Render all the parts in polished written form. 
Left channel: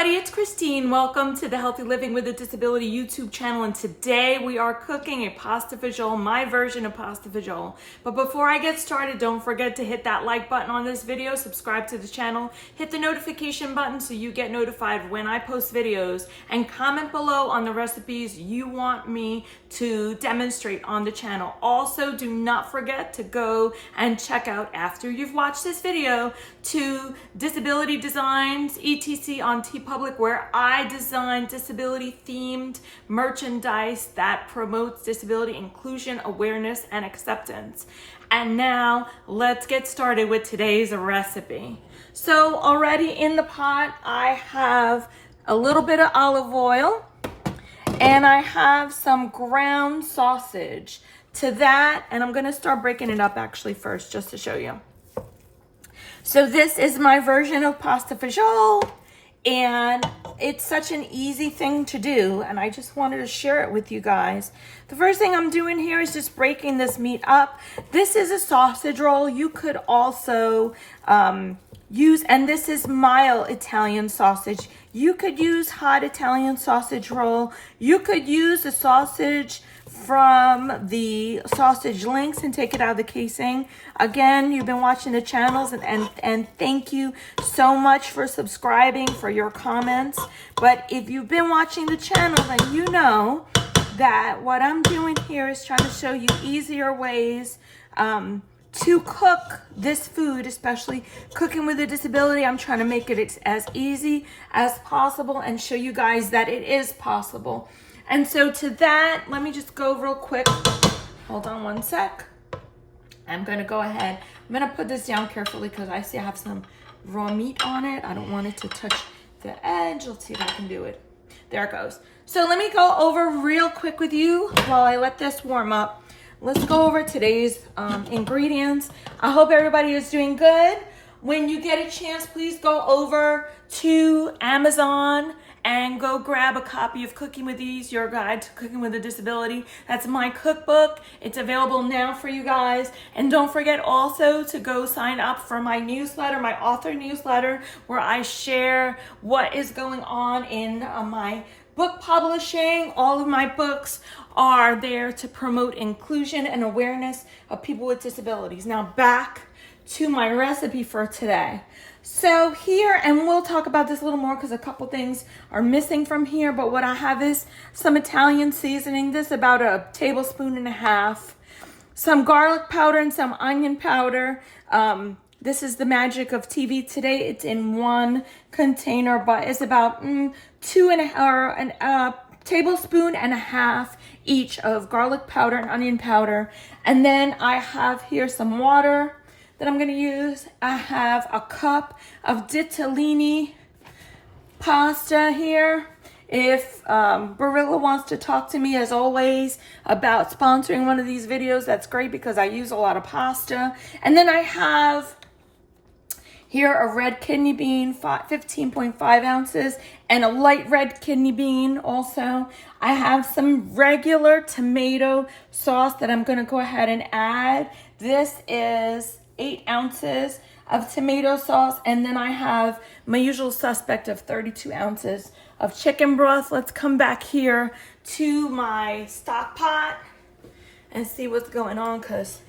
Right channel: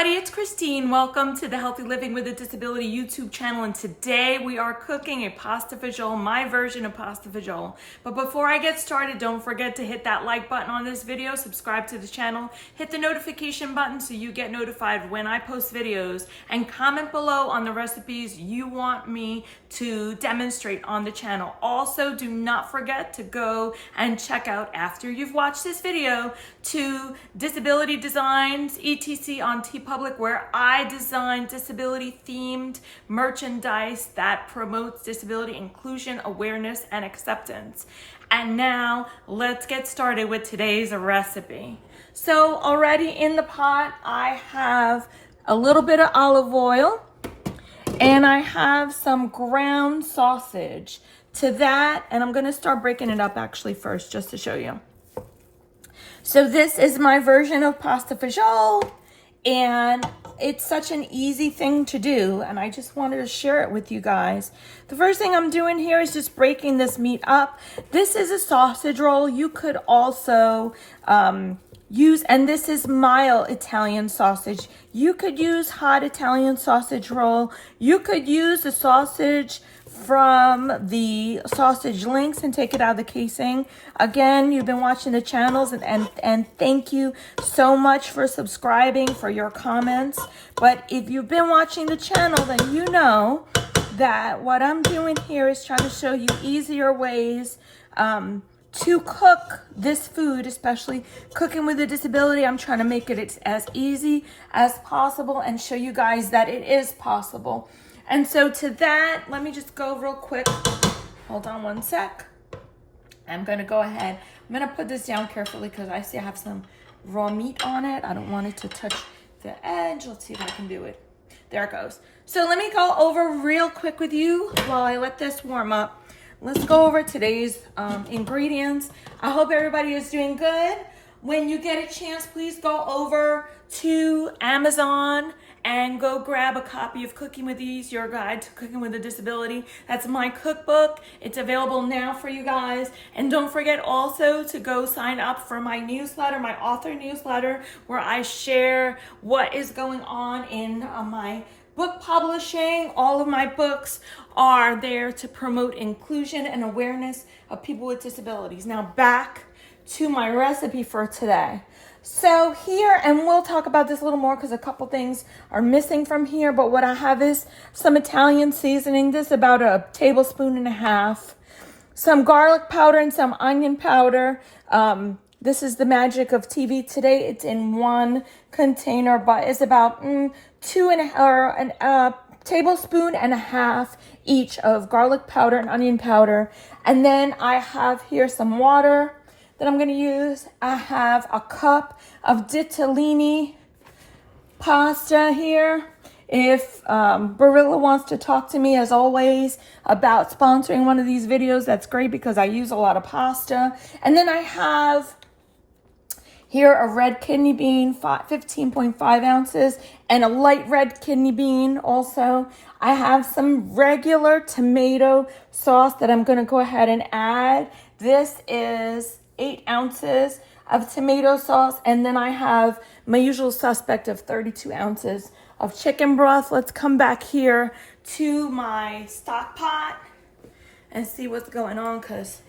everybody, it's Christine. Welcome to the Healthy Living with a Disability YouTube channel, and today we are cooking a pasta fagioli, my version of pasta fagioli. But before I get started, don't forget to hit that like button on this video, subscribe to the channel, hit the notification button so you get notified when I post videos, and comment below on the recipes you want me to demonstrate on the channel. Also, do not forget to go and check out, after you've watched this video, to Disability Designs, etc. on TeePublic, where I design disability themed merchandise that promotes disability inclusion, awareness, and acceptance. And now let's get started with today's recipe. So already in the pot, I have a little bit of olive oil and I have some ground sausage to that. And I'm gonna start breaking it up actually first, just to show you. So this is my version of pasta fagioli, and it's such an easy thing to do, and I just wanted to share it with you guys. The first thing I'm doing here is just breaking this meat up. This is a sausage roll. You could also use, and this is mild Italian sausage. You could use hot Italian sausage roll. You could use the sausage from the sausage links and take it out of the casing. Again, you've been watching the channels, and thank you so much for subscribing, for your comments. But if you've been watching the channel, then you know that what I'm doing here is trying to show you easier ways to cook this food, especially cooking with a disability. I'm trying to make it as easy as possible and show you guys that it is possible. And so to that, let me just go real quick. Hold on one sec. I'm gonna go ahead. I'm gonna put this down carefully because I see I have some raw meat on it. I don't want it to touch the edge. Let's see if I can do it. There it goes. So let me go over real quick with you while I let this warm up. Let's go over today's ingredients. I hope everybody is doing good. When you get a chance, please go over to Amazon and go grab a copy of Cooking with Ease, your guide to cooking with a disability. That's my cookbook. It's available now for you guys. And don't forget also to go sign up for my newsletter, my author newsletter, where I share what is going on in my book publishing. All of my books are there to promote inclusion and awareness of people with disabilities. Now back to my recipe for today. So here, and we'll talk about this a little more because a couple things are missing from here, but what I have is some Italian seasoning. This is about a tablespoon and a half. Some garlic powder and some onion powder. This is the magic of TV. Today it's in one container, but it's about a tablespoon and a half each of garlic powder and onion powder. And then I have here some water that I'm gonna use. I have a cup of ditalini pasta here. If Barilla wants to talk to me, as always, about sponsoring one of these videos, that's great because I use a lot of pasta. And then I have here a red kidney bean, 15.5 ounces, and a light red kidney bean also. I have some regular tomato sauce that I'm gonna go ahead and add. This is 8 ounces of tomato sauce, and then I have my usual suspect of 32 ounces of chicken broth. Let's come back here to my stock pot and see what's going on, because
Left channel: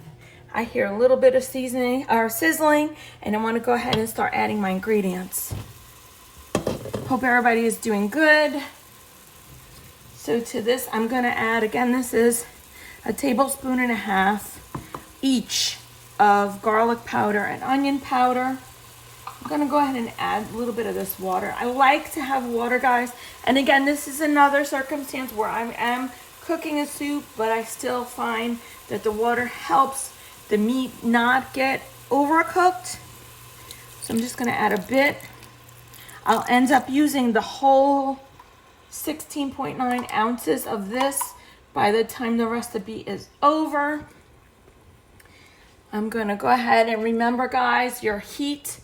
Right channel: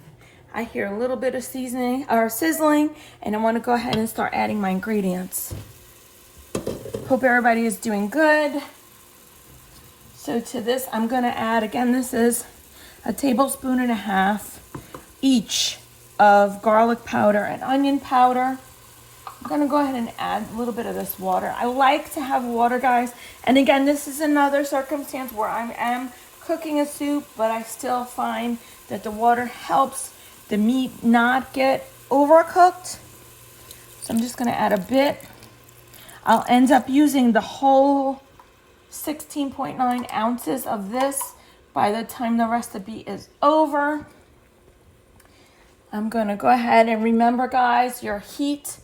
I hear a little bit of seasoning or sizzling, and I want to go ahead and start adding my ingredients. Hope everybody is doing good. So to this, I'm going to add, again, this is a tablespoon and a half each of garlic powder and onion powder. I'm gonna go ahead and add a little bit of this water. I like to have water, guys. And again, this is another circumstance where I am cooking a soup, but I still find that the water helps the meat not get overcooked. So I'm just gonna add a bit. I'll end up using the whole 16.9 ounces of this by the time the recipe is over. I'm gonna go ahead and remember, guys, your heat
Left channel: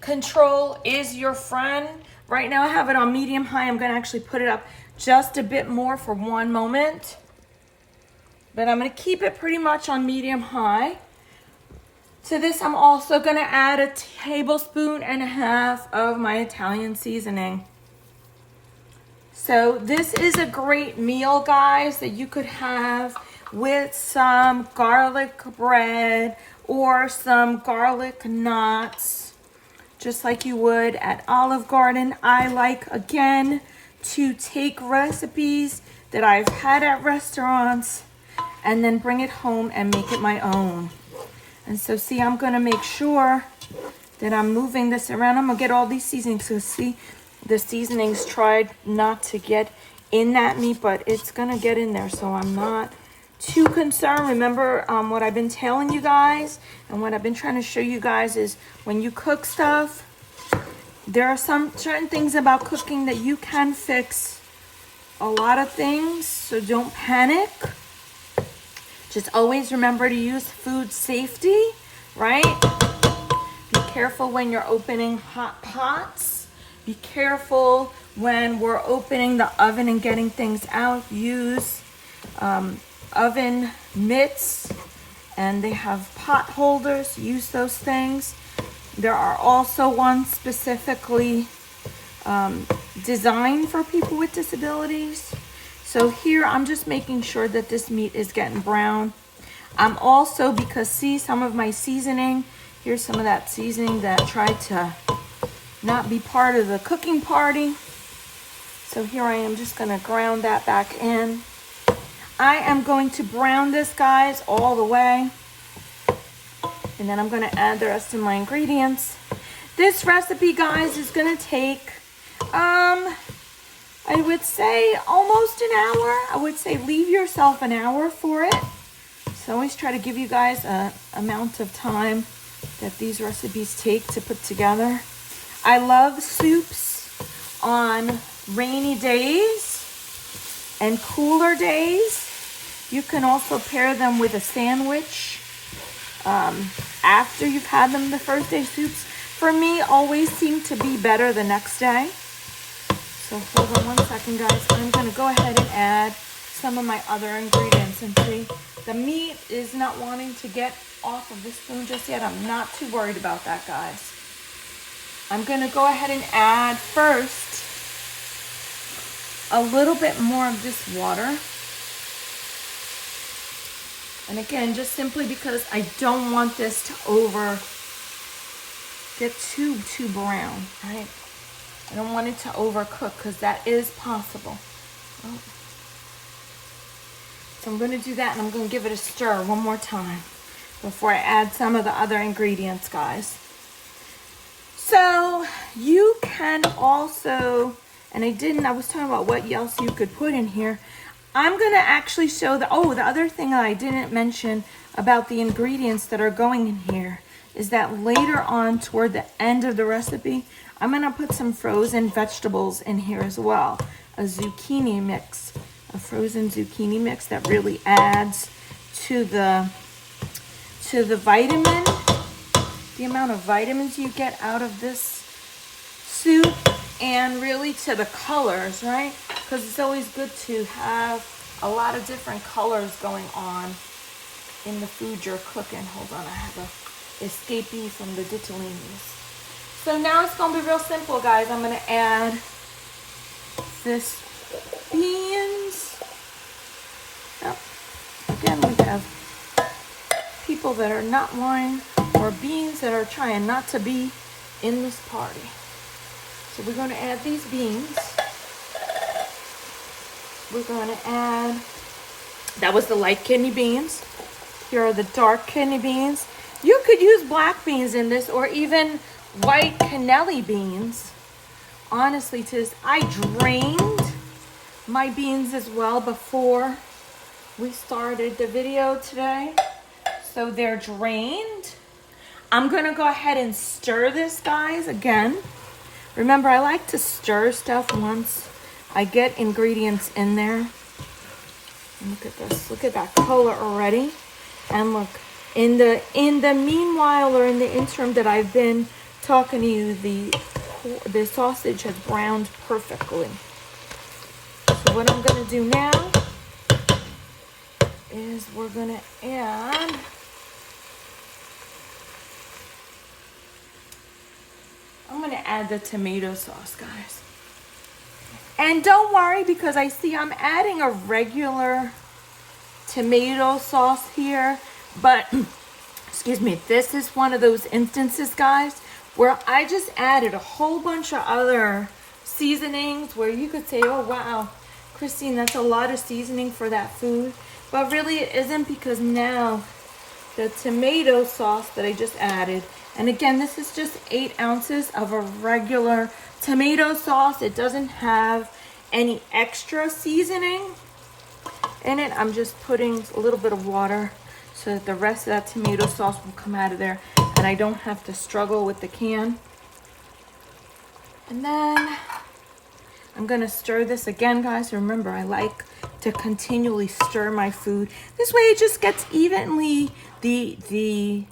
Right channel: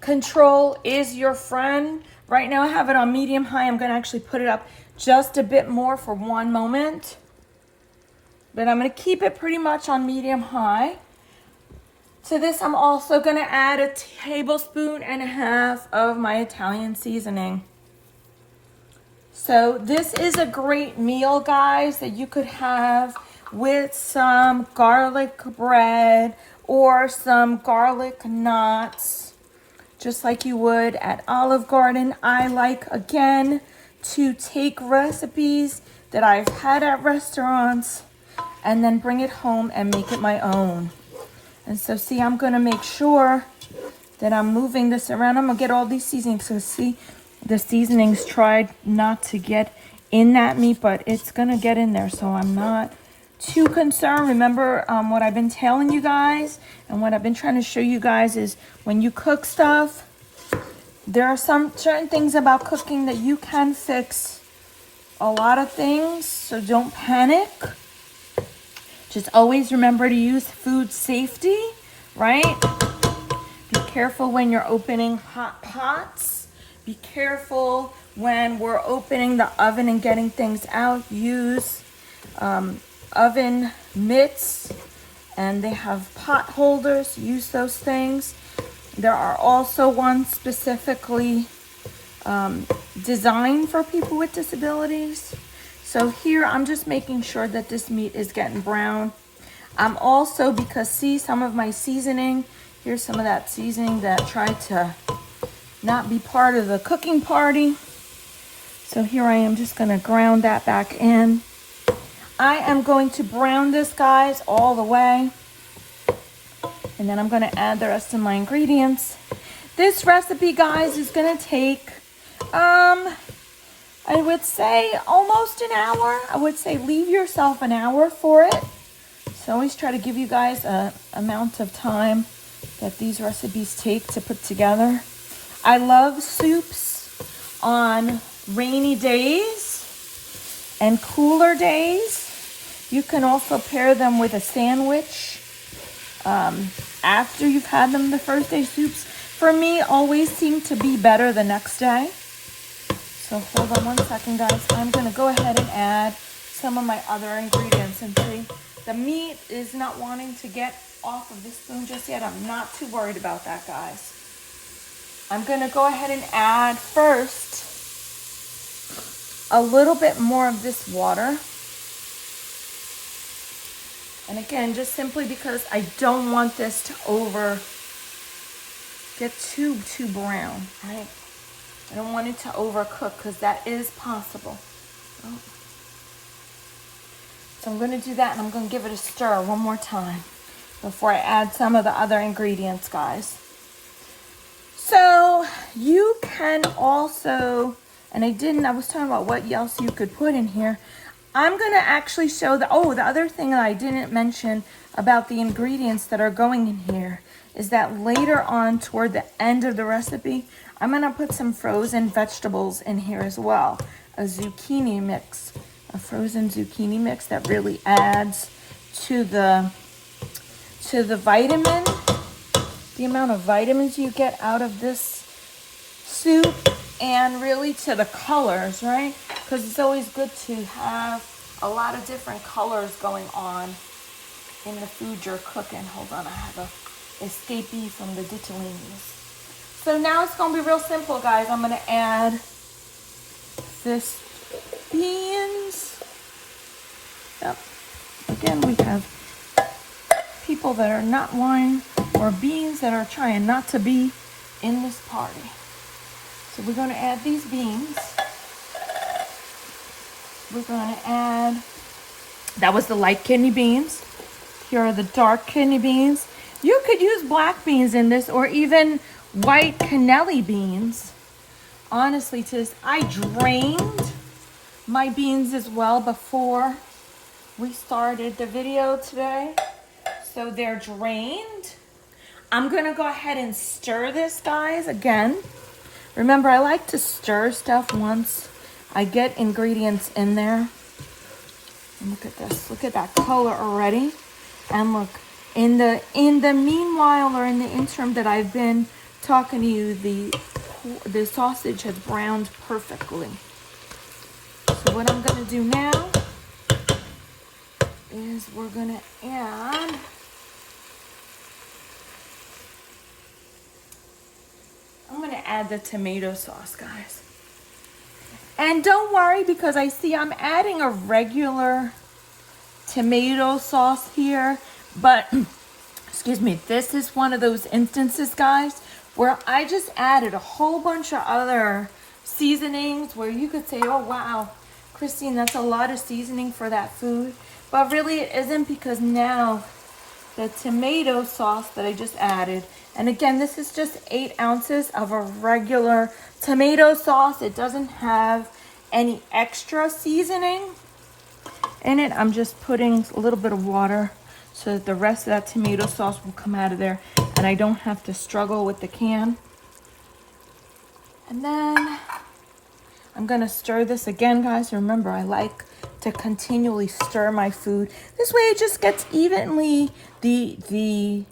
control is your friend. Right now I have it on medium high. I'm gonna actually put it up just a bit more for one moment. But I'm gonna keep it pretty much on medium high. To this, I'm also gonna add a tablespoon and a half of my Italian seasoning. So this is a great meal, guys, that you could have with some garlic bread or some garlic knots, just like you would at Olive Garden. I like, again, to take recipes that I've had at restaurants and then bring it home and make it my own. And so see, I'm gonna make sure that I'm moving this around. I'm gonna get all these seasonings. So see, the seasonings tried not to get in that meat, but it's gonna get in there, so I'm not too concerned. Remember what I've been telling you guys and what I've been trying to show you guys is when you cook stuff, there are some certain things about cooking that you can fix a lot of things, so don't panic. Just always remember to use food safety, right? Be careful when you're opening hot pots. Be careful when we're opening the oven and getting things out. Use oven mitts, and they have pot holders. Use those things. There are also ones specifically designed for people with disabilities. So here I'm just making sure that this meat is getting brown. I'm also, because see some of my seasoning, here's some of that seasoning that tried to not be part of the cooking party. So here I am just gonna ground that back in. I am going to brown this, guys, all the way. And then I'm gonna add the rest of my ingredients. This recipe, guys, is gonna take, I would say almost an hour. I would say leave yourself an hour for it. So I always try to give you guys a amount of time that these recipes take to put together. I love soups on rainy days and cooler days. You can also pair them with a sandwich after you've had them the first day. Soups, for me, always seem to be better the next day. So hold on one second, guys. I'm going to go ahead and add some of my other ingredients. And see, the meat is not wanting to get off of the spoon just yet. I'm not too worried about that, guys. I'm going to go ahead and add first a little bit more of this water. And again, just simply because I don't want this to get too brown, right? I don't want it to overcook because that is possible. Oh. So I'm going to do that, and I'm going to give it a stir one more time before I add some of the other ingredients, guys. So you can also, and I was talking about what else you could put in here. I'm going to actually show the other thing that I didn't mention about the ingredients that are going in here is that later on toward the end of the recipe, I'm going to put some frozen vegetables in here as well. A zucchini mix, a frozen zucchini mix that really adds to the vitamin, the amount of vitamins you get out of this soup, and really to the colors, right? Because it's always good to have a lot of different colors going on in the food you're cooking. Hold on, I have a escapee from the ditalini's. So now it's going to be real simple, guys. I'm going to add this beans. Yep. Again, we have people that are not wine or beans that are trying not to be in this party. So we're going to add these beans. We're going to add, that was the light kidney beans. Here are the dark kidney beans. You could use black beans in this or even white cannelli beans. Honestly, I drained my beans as well before we started the video today. So they're drained. I'm going to go ahead and stir this, guys, again. Remember, I like to stir stuff once I get ingredients in there. And look at this. Look at that color already. And look, in the meanwhile, or in the interim that I've been talking to you, the sausage has browned perfectly. So what I'm going to do now is we're going to add the tomato sauce, guys. And don't worry, because I see I'm adding a regular tomato sauce here, but excuse me, this is one of those instances, guys, where I just added a whole bunch of other seasonings where you could say, oh wow, Christine, that's a lot of seasoning for that food. But really it isn't, because now the tomato sauce that I just added, and again, this is just 8 ounces of a regular tomato sauce. It doesn't have any extra seasoning in it. I'm just putting a little bit of water so that the rest of that tomato sauce will come out of there and I don't have to struggle with the can. And then I'm gonna stir this again, guys. Remember, I like to continually stir my food. This way it just gets evenly, the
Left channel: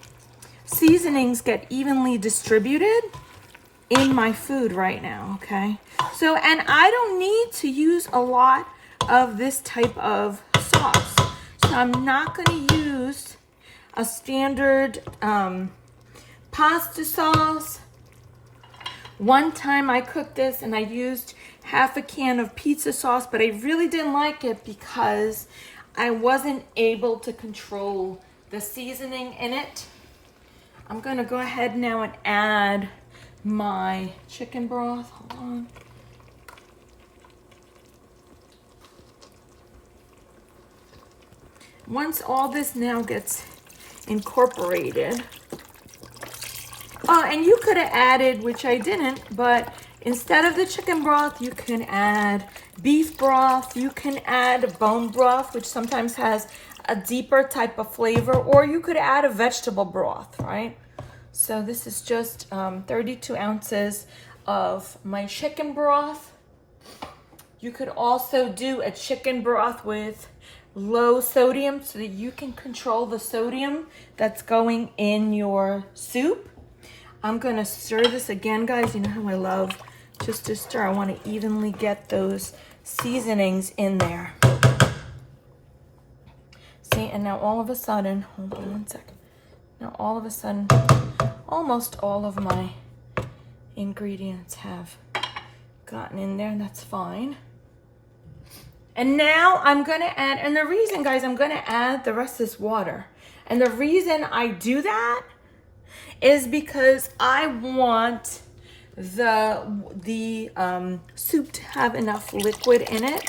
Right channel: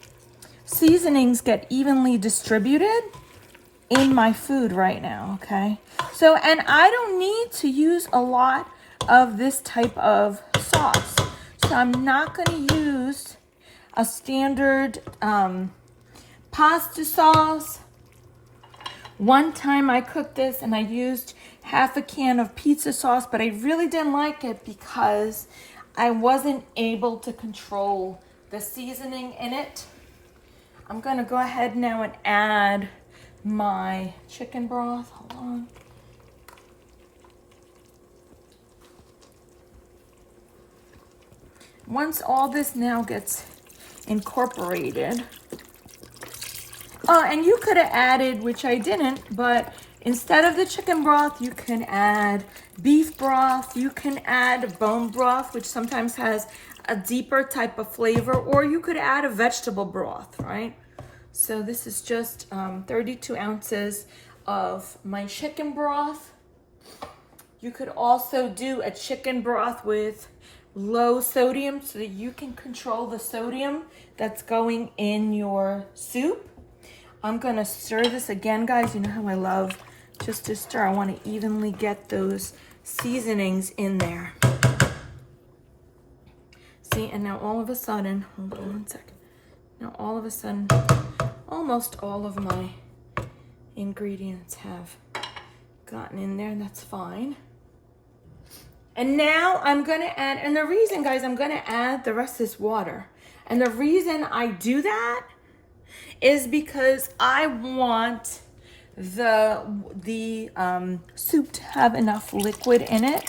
seasonings get evenly distributed in my food right now, okay? So, and I don't need to use a lot of this type of sauce. So I'm not gonna use a standard pasta sauce. One time I cooked this and I used half a can of pizza sauce, but I really didn't like it because I wasn't able to control the seasoning in it. I'm gonna go ahead now and add my chicken broth. Hold on. Once all this now gets incorporated, and you could have added, which I didn't, but instead of the chicken broth, you can add beef broth, you can add bone broth, which sometimes has a deeper type of flavor, or you could add a vegetable broth, right? So this is just 32 ounces of my chicken broth. You could also do a chicken broth with low sodium so that you can control the sodium that's going in your soup. I'm gonna stir this again, guys. You know how I love just to stir. I want to evenly get those seasonings in there. See, and now all of a sudden, hold on one second. Now all of a sudden, almost all of my ingredients have gotten in there, and that's fine. And now I'm gonna add, and the reason, guys, I'm gonna add the rest of this water. And the reason I do that is because I want the soup to have enough liquid in it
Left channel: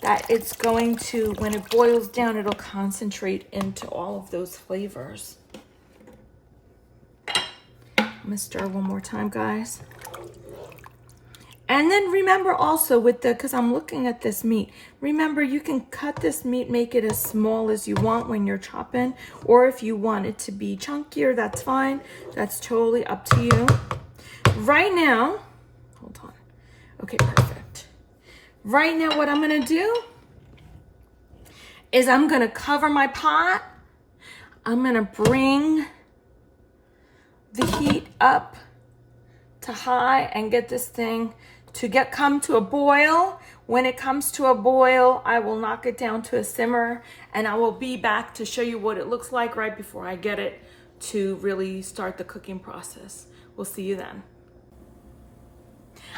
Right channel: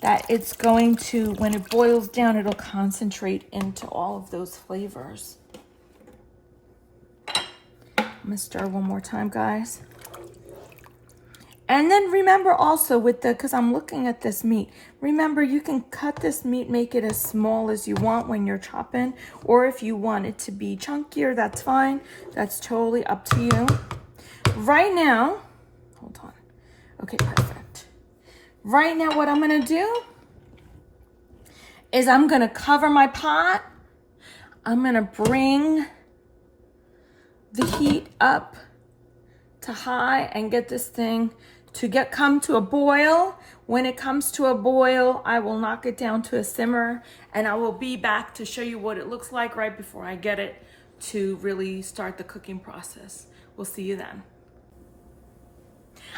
that it's going to, when it boils down, it'll concentrate into all of those flavors. I'm gonna stir one more time, guys. And then remember also with the, because I'm looking at this meat, remember you can cut this meat, make it as small as you want when you're chopping, or if you want it to be chunkier, that's fine. That's totally up to you. Right now, hold on. Okay, perfect. Right now what I'm gonna do is I'm gonna cover my pot. I'm gonna bring the heat up to high and get this thing to come to a boil. When it comes to a boil, I will knock it down to a simmer, and I will be back to show you what it looks like right before I get it to really start the cooking process. We'll see you then.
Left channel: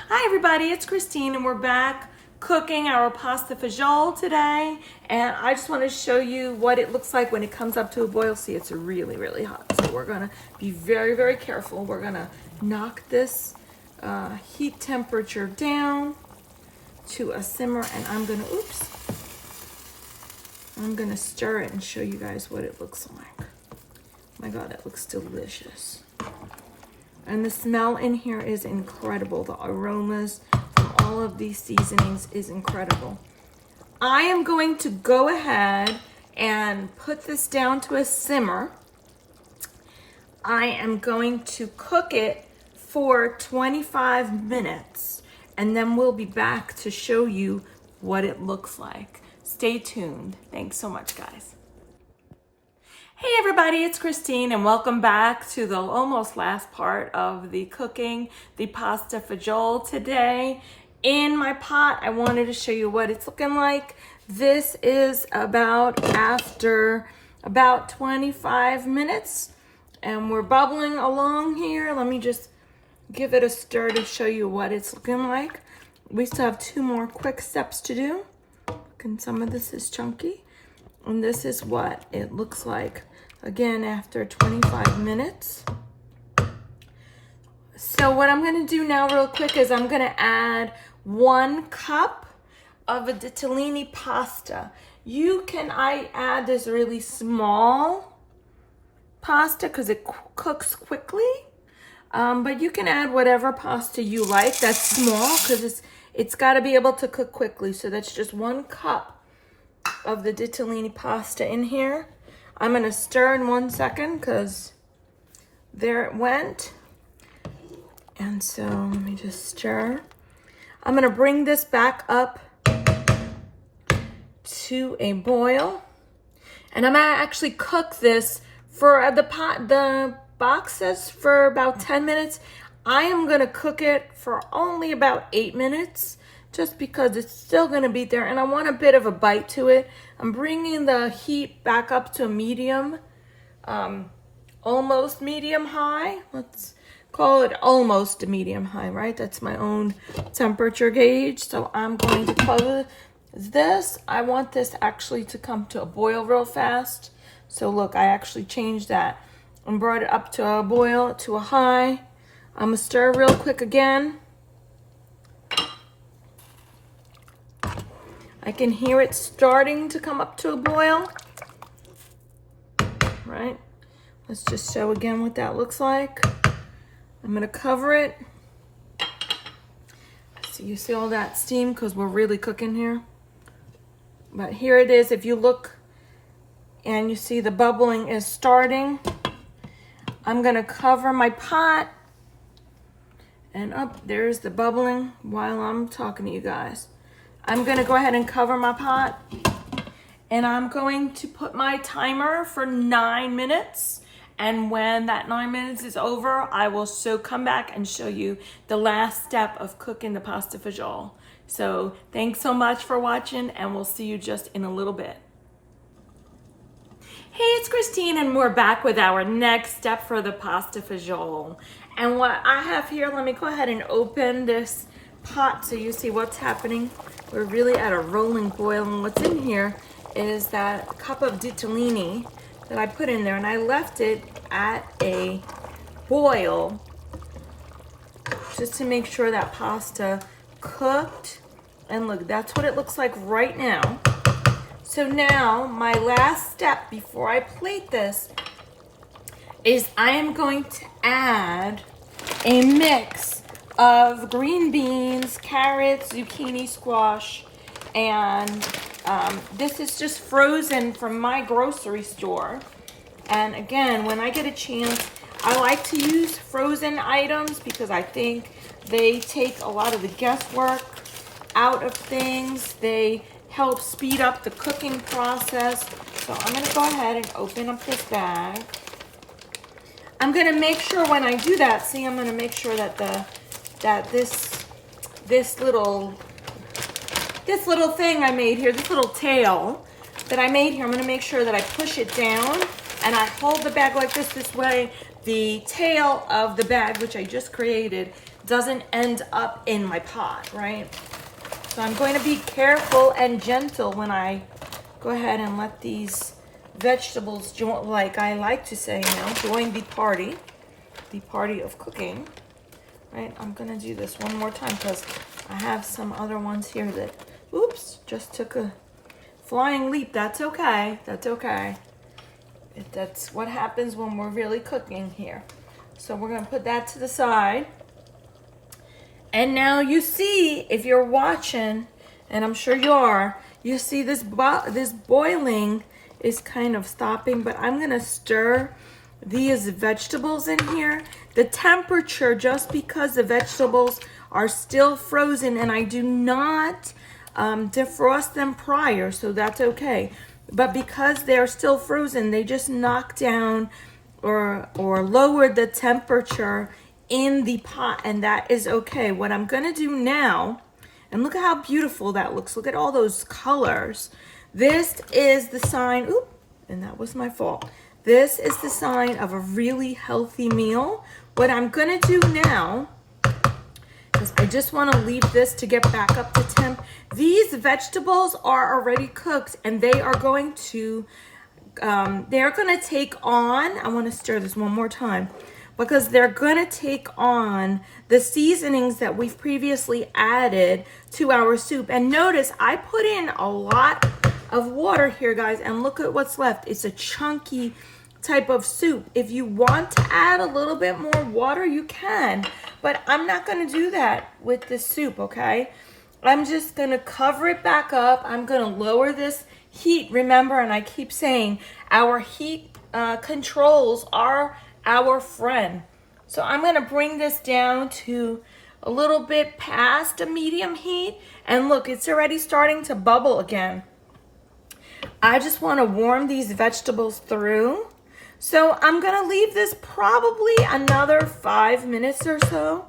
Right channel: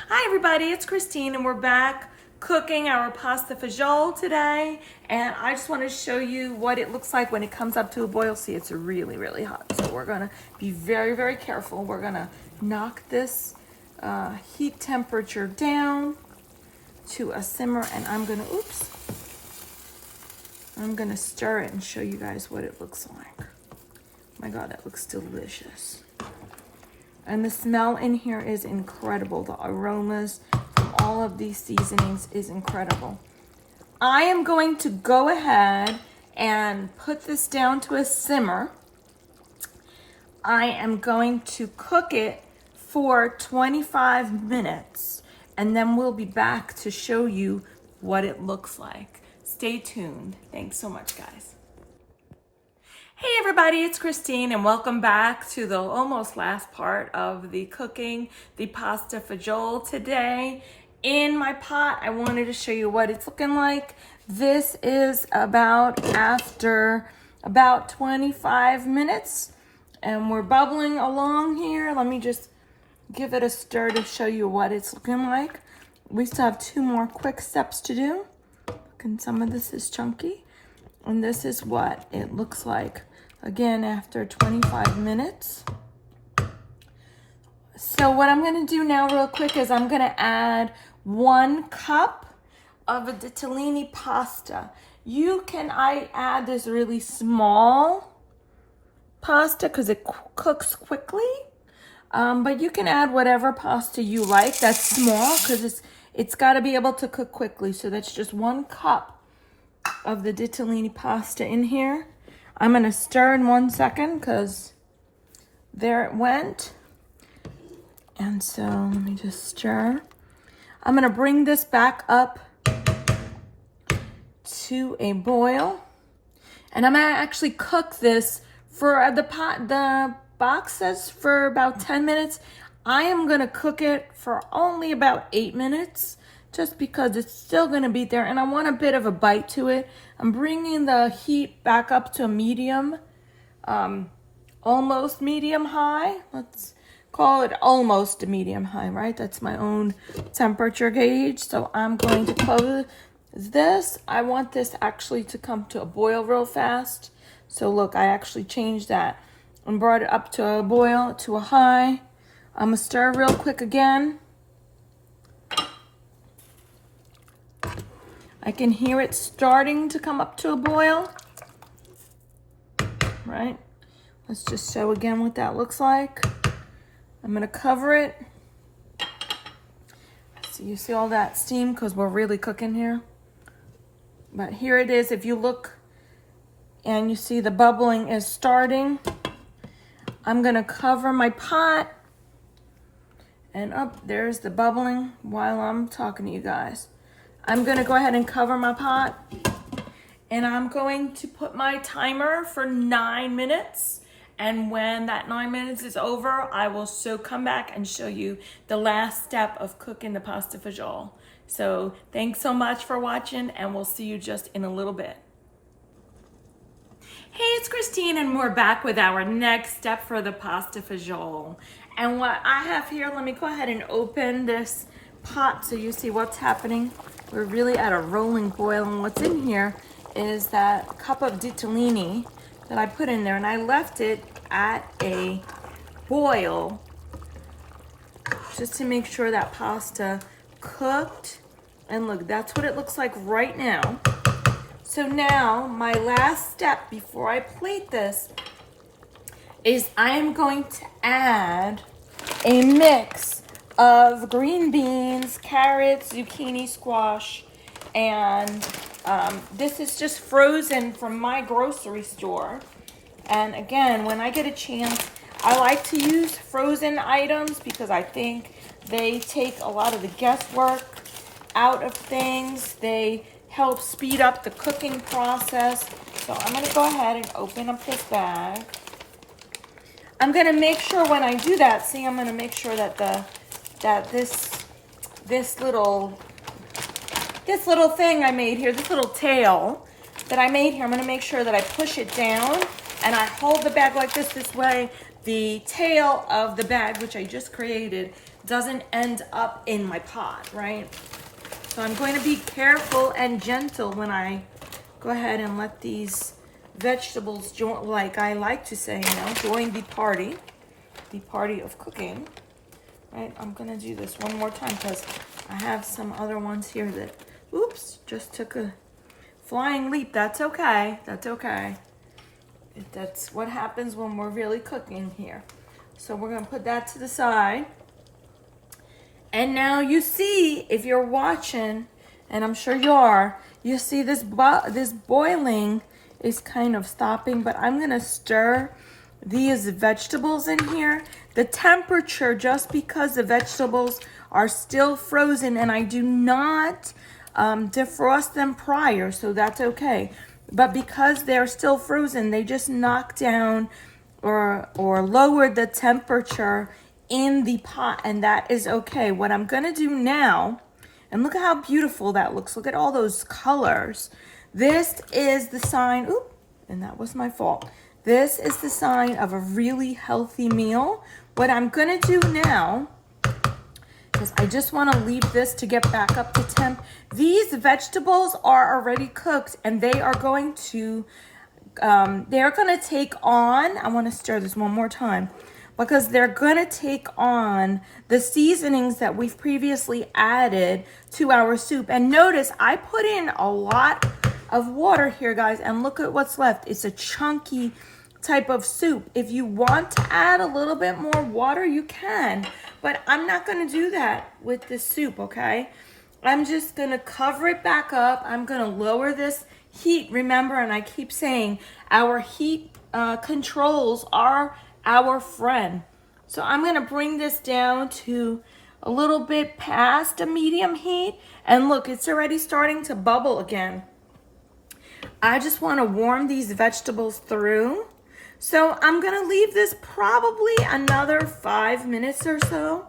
Hi everybody, it's Christine, and we're back cooking our pasta fagioli today, and I just want to show you what it looks like when it comes up to a boil. See, it's really, really hot, so we're gonna be very, very careful. We're gonna knock this heat temperature down to a simmer, and I'm gonna stir it and show you guys what it looks like. My God, that looks delicious. And the smell in here is incredible. The aromas from all of these seasonings is incredible. I am going to go ahead and put this down to a simmer. I am going to cook it for 25 minutes, and then we'll be back to show you what it looks like. Stay tuned. Thanks so much, guys. Hey everybody, it's Christine, and welcome back to the almost last part of the cooking, the pasta fagioli today. In my pot, I wanted to show you what it's looking like. This is after about 25 minutes, and we're bubbling along here. Let me just give it a stir to show you what it's looking like. we still have 2 more quick steps to do. And some of this is chunky. And this is what it looks like, again, after 25 minutes. So what I'm gonna do now real quick is I'm gonna add 1 cup of a ditalini pasta. I add this really small pasta because it cooks quickly. But you can add whatever pasta you like that's small because it's got to be able to cook quickly. So that's just 1 cup of the ditalini pasta in here. I'm going to stir in 1 second because there it went. And so let me just stir. I'm going to bring this back up to a boil. And I'm going to actually cook this for the box says for about 10 minutes. I am going to cook it for only about 8 minutes just because it's still going to be there and I want a bit of a bite to it. I'm bringing the heat back up to a medium, almost medium high. Let's call it almost a medium high, right? That's my own temperature gauge. So I'm going to close this. I want this actually to come to a boil real fast. So look, I actually changed that and brought it up to a boil, to a high. I'm gonna stir real quick again. I can hear it starting to come up to a boil. Right? Let's just show again what that looks like. I'm gonna cover it. So you see all that steam because we're really cooking here. But here it is. If you look and you see the bubbling is starting, I'm gonna cover my pot, and up there's the bubbling while I'm talking to you guys. I'm gonna go ahead and cover my pot, and I'm going to put my timer for 9 minutes. And when that 9 minutes is over, I will come back and show you the last step of cooking the pasta fagioli. So thanks so much for watching, and we'll see you just in a little bit. Hey, it's Christine, and we're back with our next step for the pasta fagioli. And what I have here, let me go ahead and open this pot so you see what's happening. We're really at a rolling boil, and what's in here is that cup of ditalini that I put in there, and I left it at a boil just to make sure that pasta cooked. And look, that's what it looks like right now. So now my last step before I plate this is I am going to add a mix of green beans, carrots, zucchini, squash, and this is just frozen from my grocery store. And again, when I get a chance, I like to use frozen items because I think they take a lot of the guesswork out of things. They help speed up the cooking process. So I'm gonna go ahead and open up this bag. I'm gonna make sure when I do that, see, I'm gonna make sure that this little thing I made here, this little tail that I made here, I'm gonna make sure that I push it down and I hold the bag like this way the tail of the bag, which I just created, doesn't end up in my pot, right? So I'm going to be careful and gentle when I go ahead and let these vegetables join, like I like to say now, join the party of cooking, right? I'm gonna do this one more time because I have some other ones here that, oops, just took a flying leap. That's okay, that's okay. That's what happens when we're really cooking here. So we're gonna put that to the side. And now you see, if you're watching, and I'm sure you are, you see this boiling is kind of stopping, but I'm gonna stir these vegetables in here. The temperature, just because the vegetables are still frozen and I do not defrost them prior, so that's okay. But because they're still frozen, they just knock down or lower the temperature in the pot, and that is okay. What I'm gonna do now, and look at how beautiful that looks. Look at all those colors. This is the sign, oop, and that was my fault. This is the sign of a really healthy meal. What I'm gonna do now because I just want to leave this to get back up to temp. These vegetables are already cooked and they are going to take on, I want to stir this one more time, because they're going to take on the seasonings that we've previously added to our soup. And notice I put in a lot of water here, guys, and look at what's left. It's a chunky type of soup. If you want to add a little bit more water, you can, but I'm not going to do that with this soup, okay? I'm just going to cover it back up. I'm going to lower this heat. Remember, and I keep saying, our heat controls are our friend. So I'm going to bring this down to a little bit past a medium heat, and look, it's already starting to bubble again. I just want to warm these vegetables through. So I'm going to leave this probably another 5 minutes or so.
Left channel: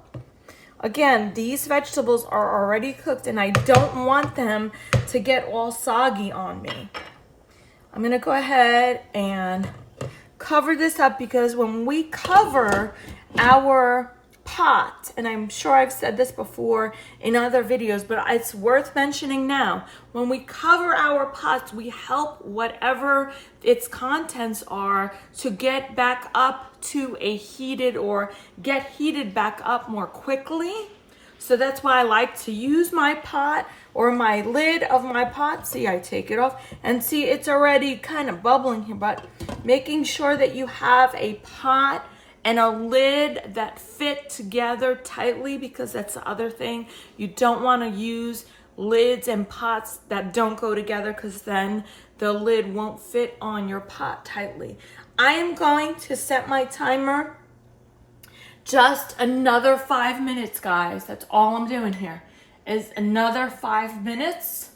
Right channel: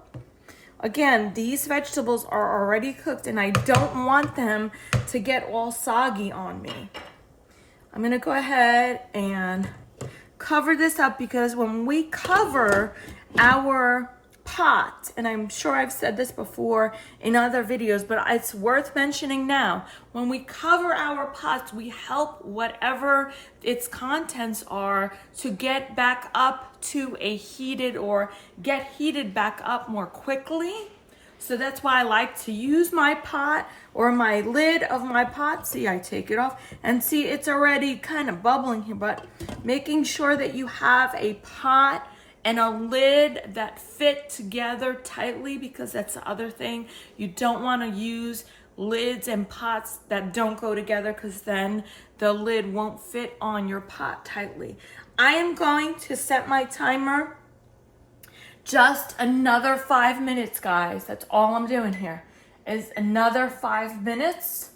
Again, these vegetables are already cooked and I don't want them to get all soggy on me. I'm going to go ahead and cover this up, because when we cover our pot, and I'm sure I've said this before in other videos, but it's worth mentioning now, when we cover our pots, we help whatever its contents are to get back up to a heated, or get heated back up more quickly. So that's why I like to use my pot or my lid of my pot. See, I take it off and see it's already kind of bubbling here, but making sure that you have a pot and a lid that fit together tightly, because that's the other thing. You don't want to use lids and pots that don't go together, because then the lid won't fit on your pot tightly. I am going to set my timer just another 5 minutes, guys. That's all I'm doing here, is another 5 minutes.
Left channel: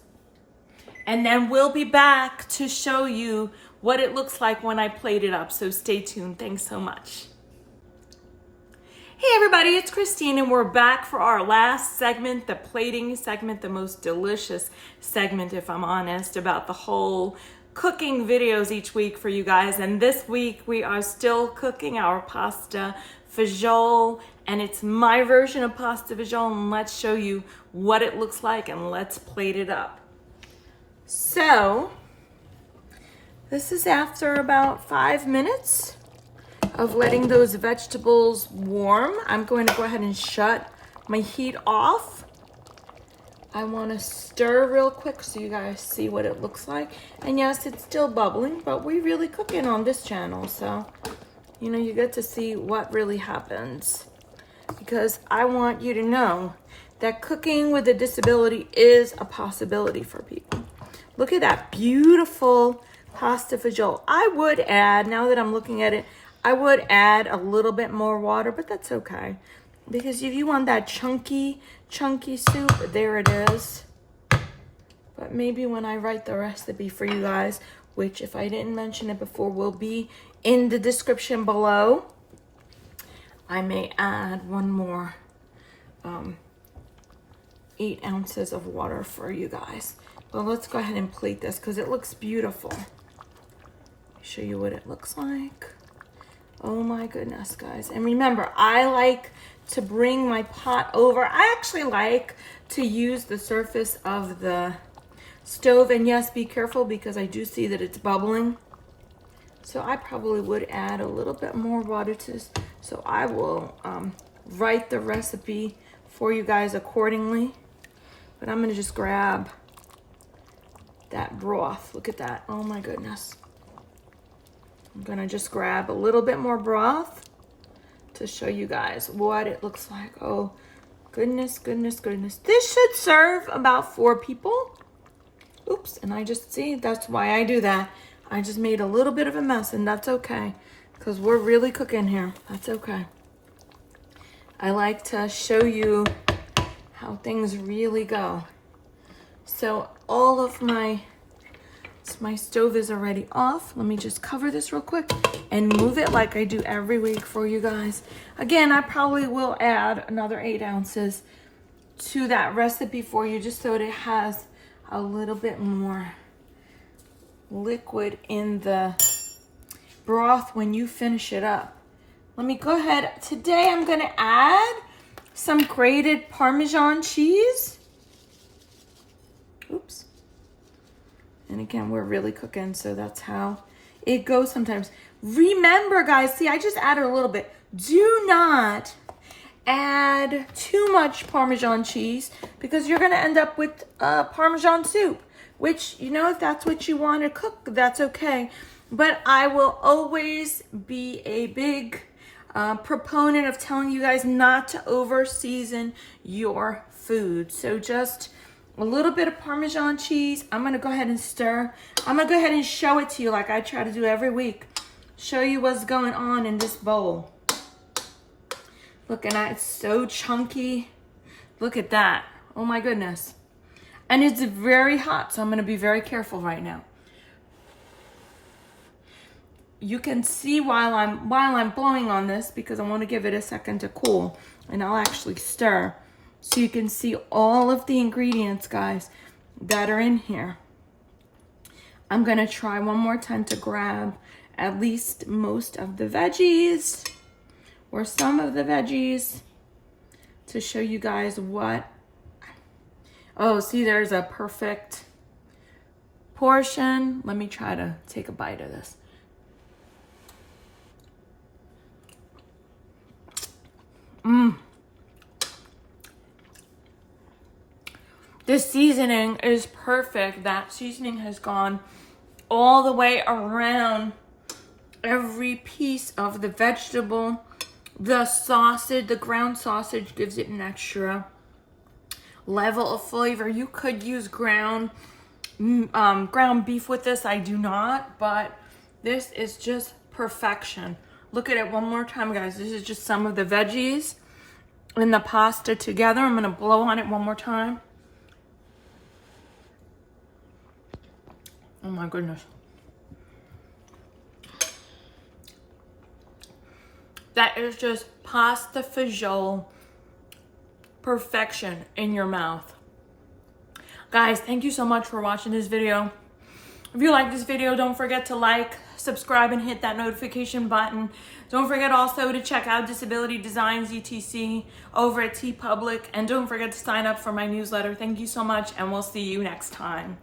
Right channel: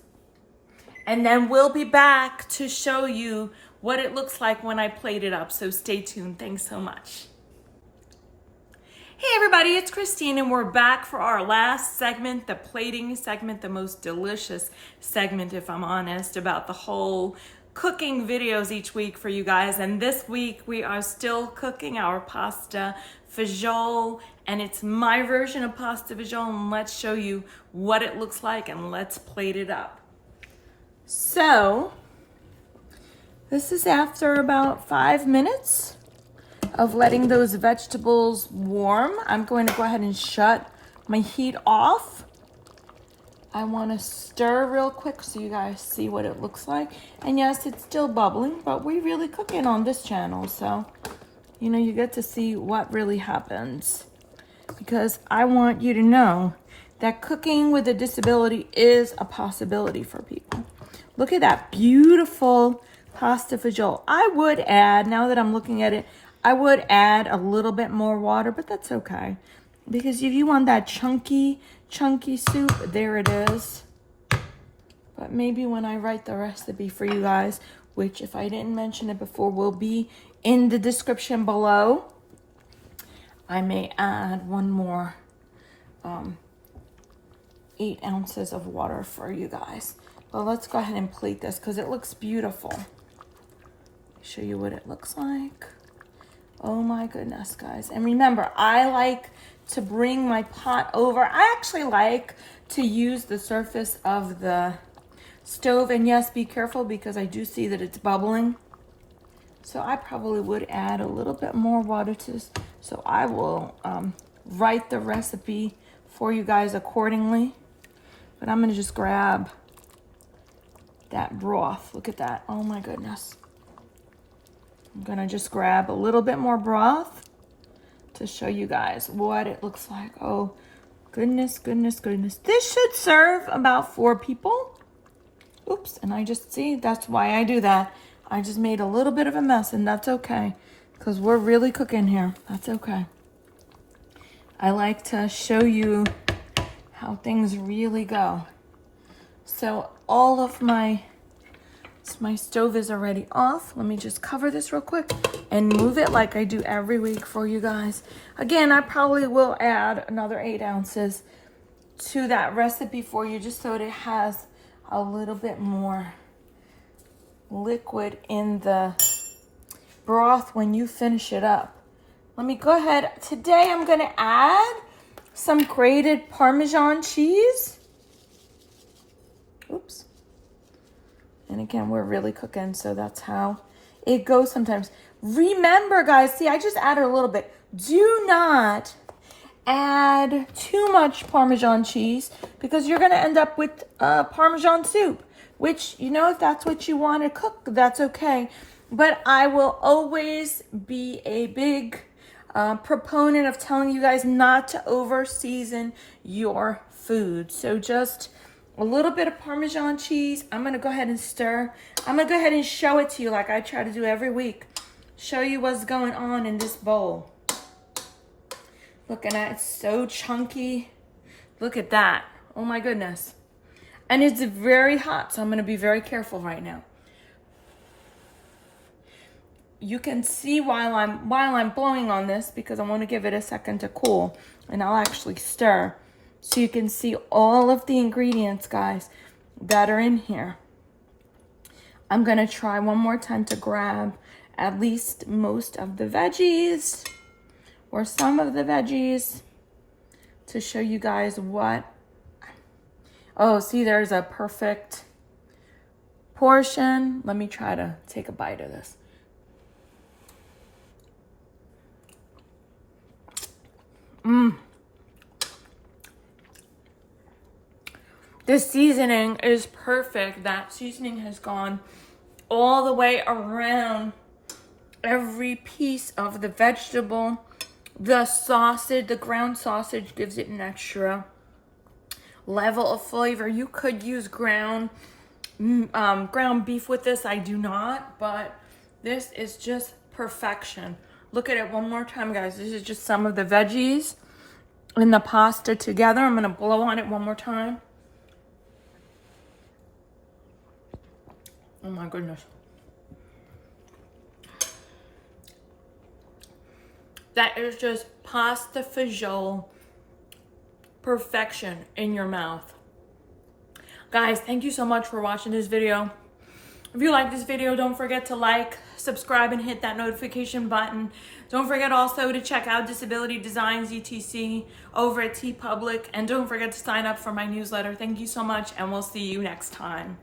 And then we'll be back to show you what it looks like when I plate it up. So stay tuned. Thanks so much. Hey everybody, it's Christine, and we're back for our last segment, the plating segment, the most delicious segment, if I'm honest, about the whole cooking videos each week for you guys. And this week we are still cooking our pasta fagioli, and it's my version of pasta fagioli, and let's show you what it looks like and let's plate it up. So this is after about 5 minutes of letting those vegetables warm. I'm going to go ahead and shut my heat off. I want to stir real quick so you guys see what it looks like. And yes, it's still bubbling, but we really cook it on this channel, so you know, you get to see what really happens, because I want you to know that cooking with a disability is a possibility for people. Look at that beautiful pasta fagioli. I would add, now that I'm looking at it, I would add a little bit more water, but that's okay, because if you want that chunky soup, there it is. But maybe when I write the recipe for you guys, which if I didn't mention it before will be in the description below, I may add one more 8 ounces of water for you guys. But let's go ahead and plate this because it looks beautiful. Let me show you what it looks like. Oh my goodness, guys. And remember, I like to bring my pot over. I actually like to use the surface of the stove. And yes, be careful because I do see that it's bubbling. So I probably would add a little bit more water to this. So I will write the recipe for you guys accordingly. But I'm gonna just grab that broth. Look at that, oh my goodness. I'm gonna just grab a little bit more broth to show you guys what it looks like. Oh, goodness, goodness, goodness. This should serve about 4 people. Oops, and I just see, that's why I do that. I just made a little bit of a mess, and that's okay, because we're really cooking here. That's okay. I like to show you how things really go. So all of my stove is already off. Let me just cover this real quick and move it like I do every week for you guys. Again, I probably will add another 8 ounces to that recipe for you, just so that it has a little bit more liquid in the broth when you finish it up. Let me go ahead. Today I'm gonna add some grated Parmesan cheese. Oops. And again, we're really cooking, so that's how it goes sometimes. Remember, guys, see, I just added a little bit. Do not add too much Parmesan cheese because you're gonna end up with Parmesan soup, which, you know, if that's what you want to cook, that's okay. But I will always be a big proponent of telling you guys not to over season your food. So just a little bit of Parmesan cheese. I'm gonna go ahead and stir. I'm gonna go ahead and show it to you like I try to do every week. Show you what's going on in this bowl. Looking at it, it's so chunky. Look at that. Oh my goodness. And it's very hot, so I'm gonna be very careful right now. You can see while I'm blowing on this because I want to give it a second to cool, and I'll actually stir so you can see all of the ingredients, guys, that are in here. I'm gonna try one more time to grab at least most of the veggies or some of the veggies to show you guys what. Oh, see, there's a perfect portion. Let me try to take a bite of this. The seasoning is perfect. That seasoning has gone all the way around every piece of the vegetable. The sausage, the ground sausage, gives it an extra level of flavor. You could use ground beef with this. I do not, but this is just perfection. Look at it one more time, guys. This is just some of the veggies and the pasta together. I'm gonna blow on it one more time. Oh my goodness. That is just pasta fagioli perfection in your mouth. Guys, thank you so much for watching this video. If you like this video, don't forget to like, subscribe, and hit that notification button. Don't forget also to check out Disability Designs ETC over at TeePublic, and don't forget to sign up for my newsletter. Thank you so much, and we'll see you next time.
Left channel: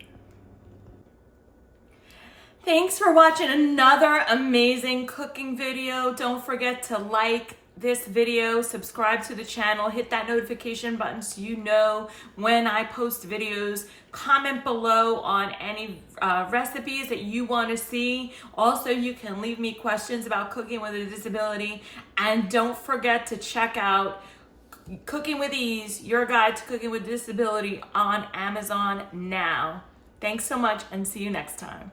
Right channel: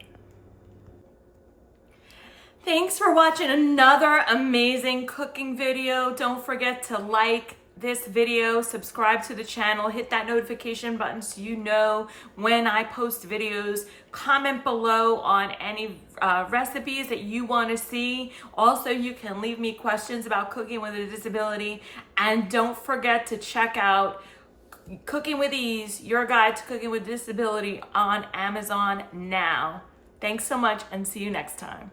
Thanks for watching another amazing cooking video. Don't forget to like this video, subscribe to the channel, hit that notification button so you know when I post videos. Comment below on any recipes that you want to see. Also, you can leave me questions about cooking with a disability. And don't forget to check out Cooking with Ease, your guide to cooking with disability on Amazon now. Thanks so much, and see you next time.